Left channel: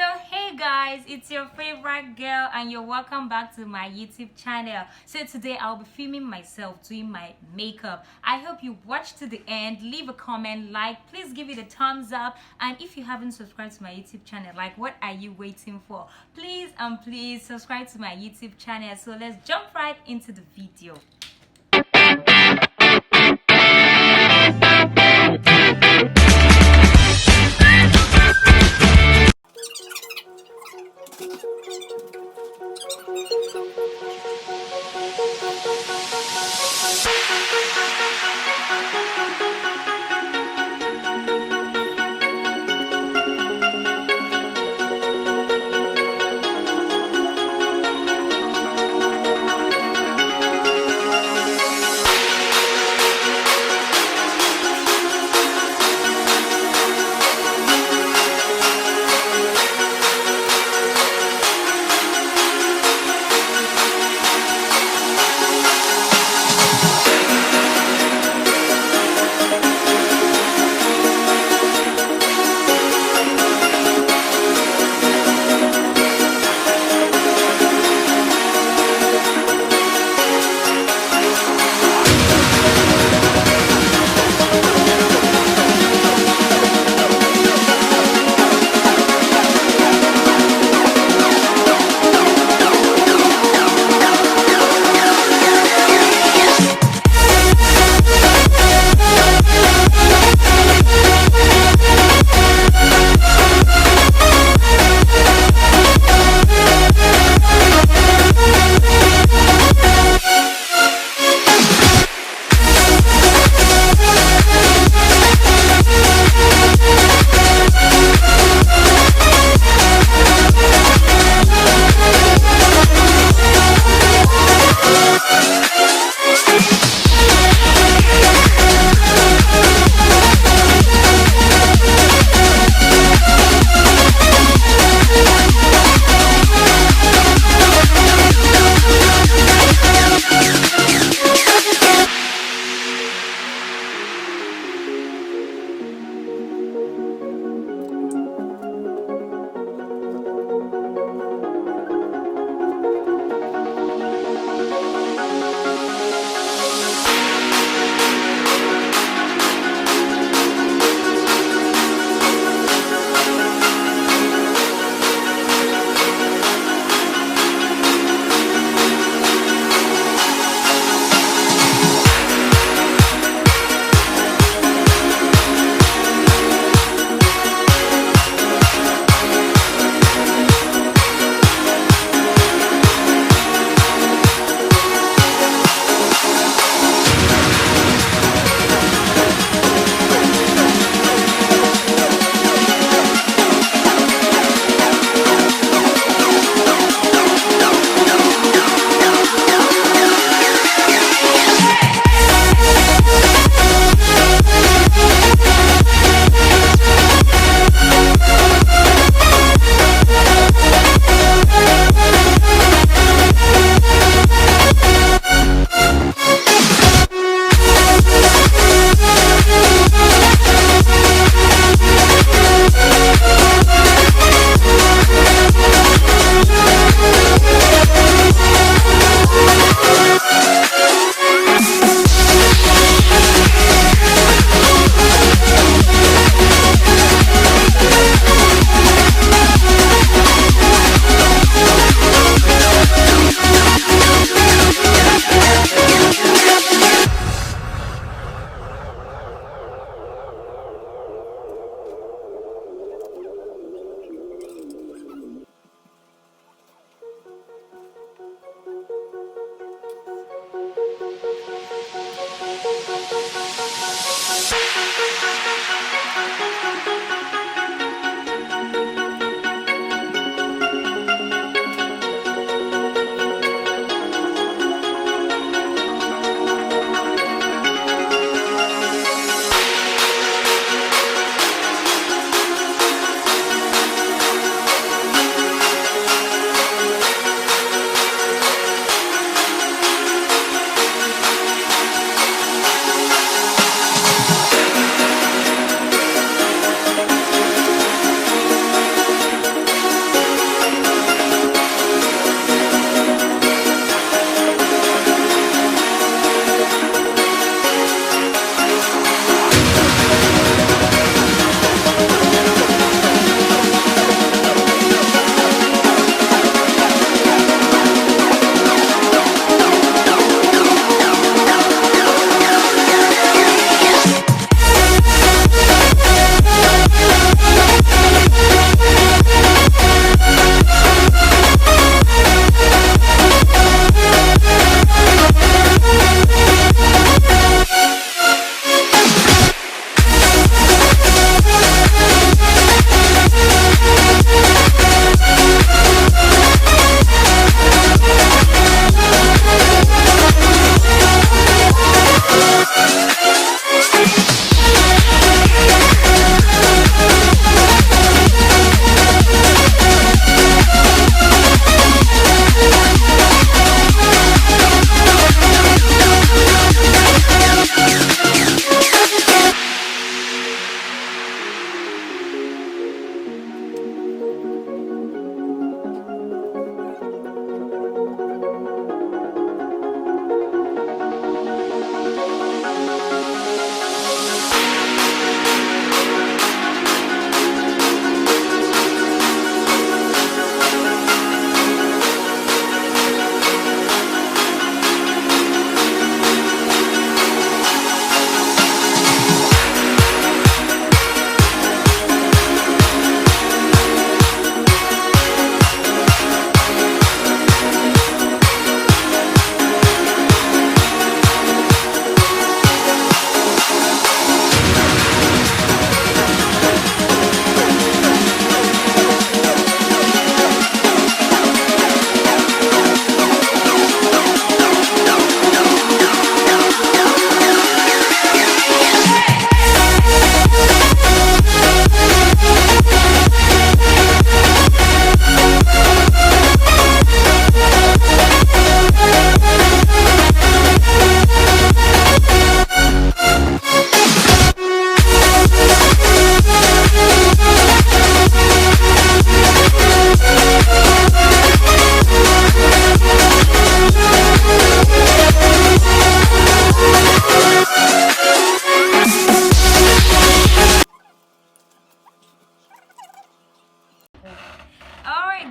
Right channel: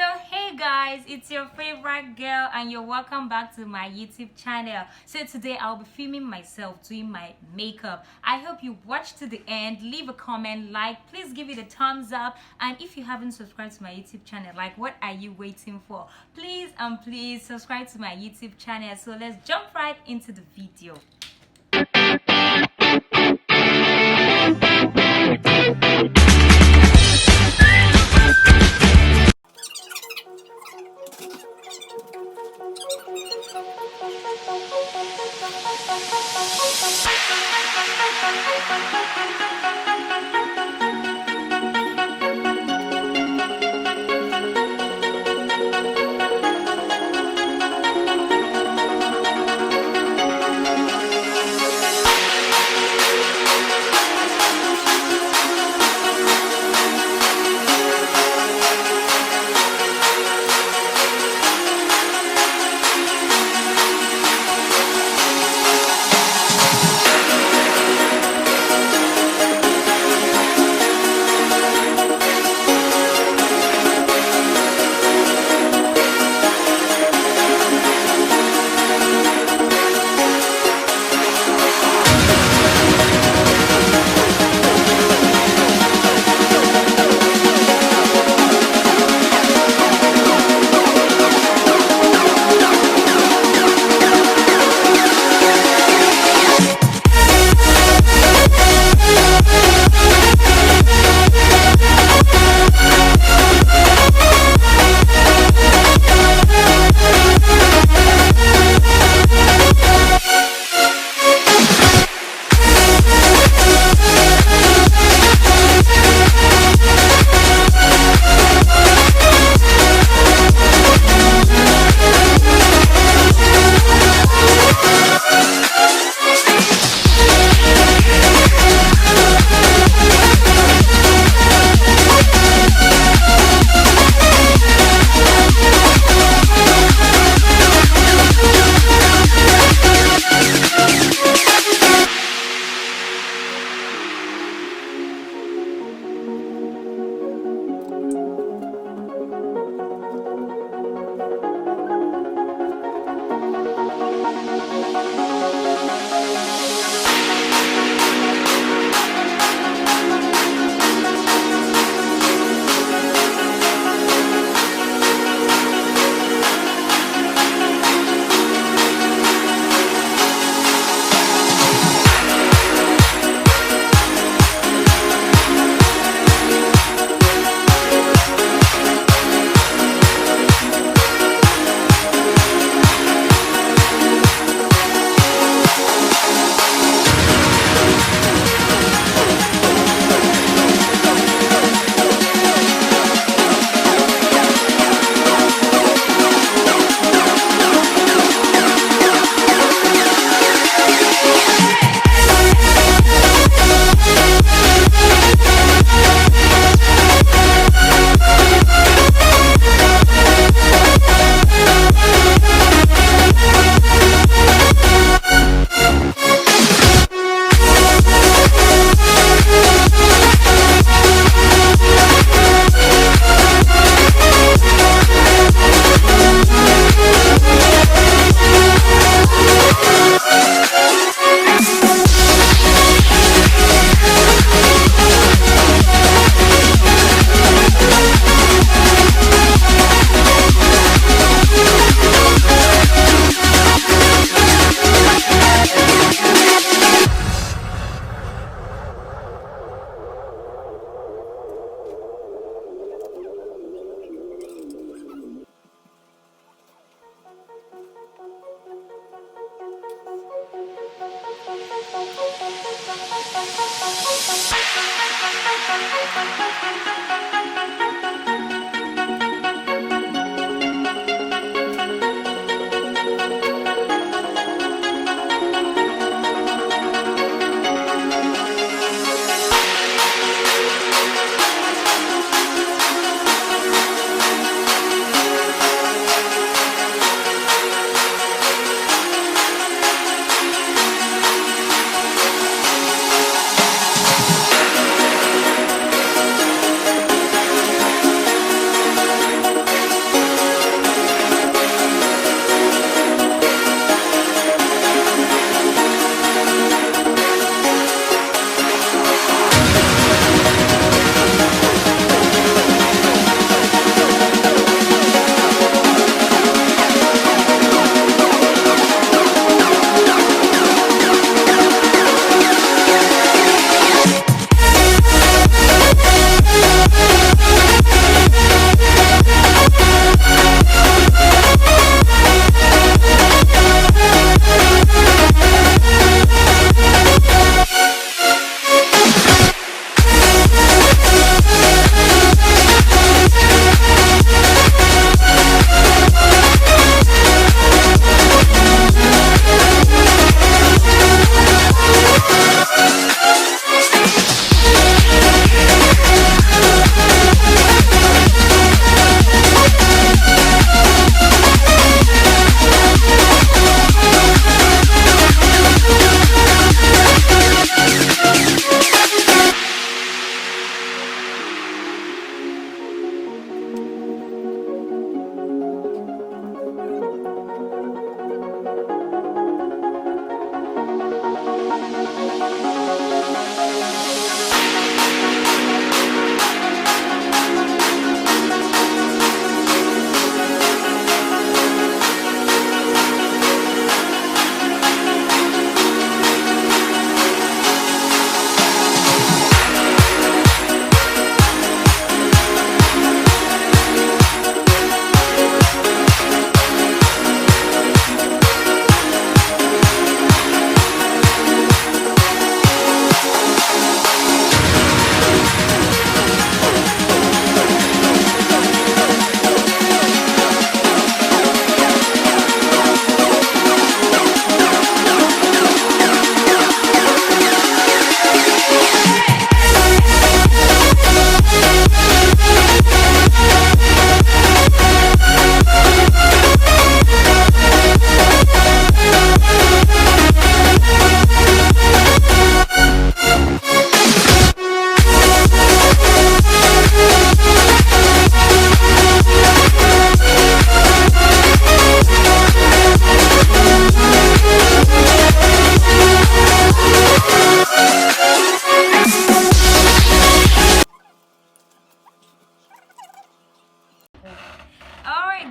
So hey guys, it's your favorite girl and you're welcome back to my YouTube channel. So today I'll be filming myself doing my makeup. I hope you watch to the end, leave a comment, please give it a thumbs up, and if you haven't subscribed to my YouTube channel, what are you waiting for? Please subscribe to my YouTube channel. So let's jump right into the video.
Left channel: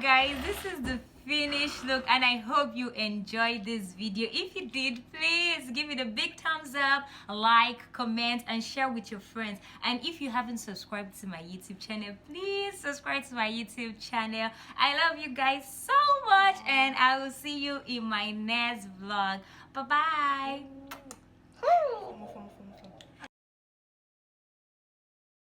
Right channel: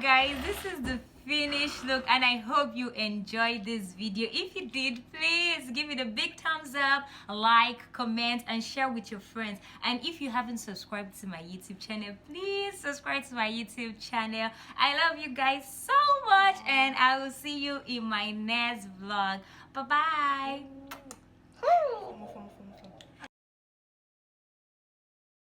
yeah guys, this is the finished look and I hope you enjoyed this video. If you did, please give it a big thumbs up, like, comment and share with your friends. And if you haven't subscribed to my YouTube channel, please subscribe to my YouTube channel. I love you guys so much and I will see you in my next vlog. Bye bye.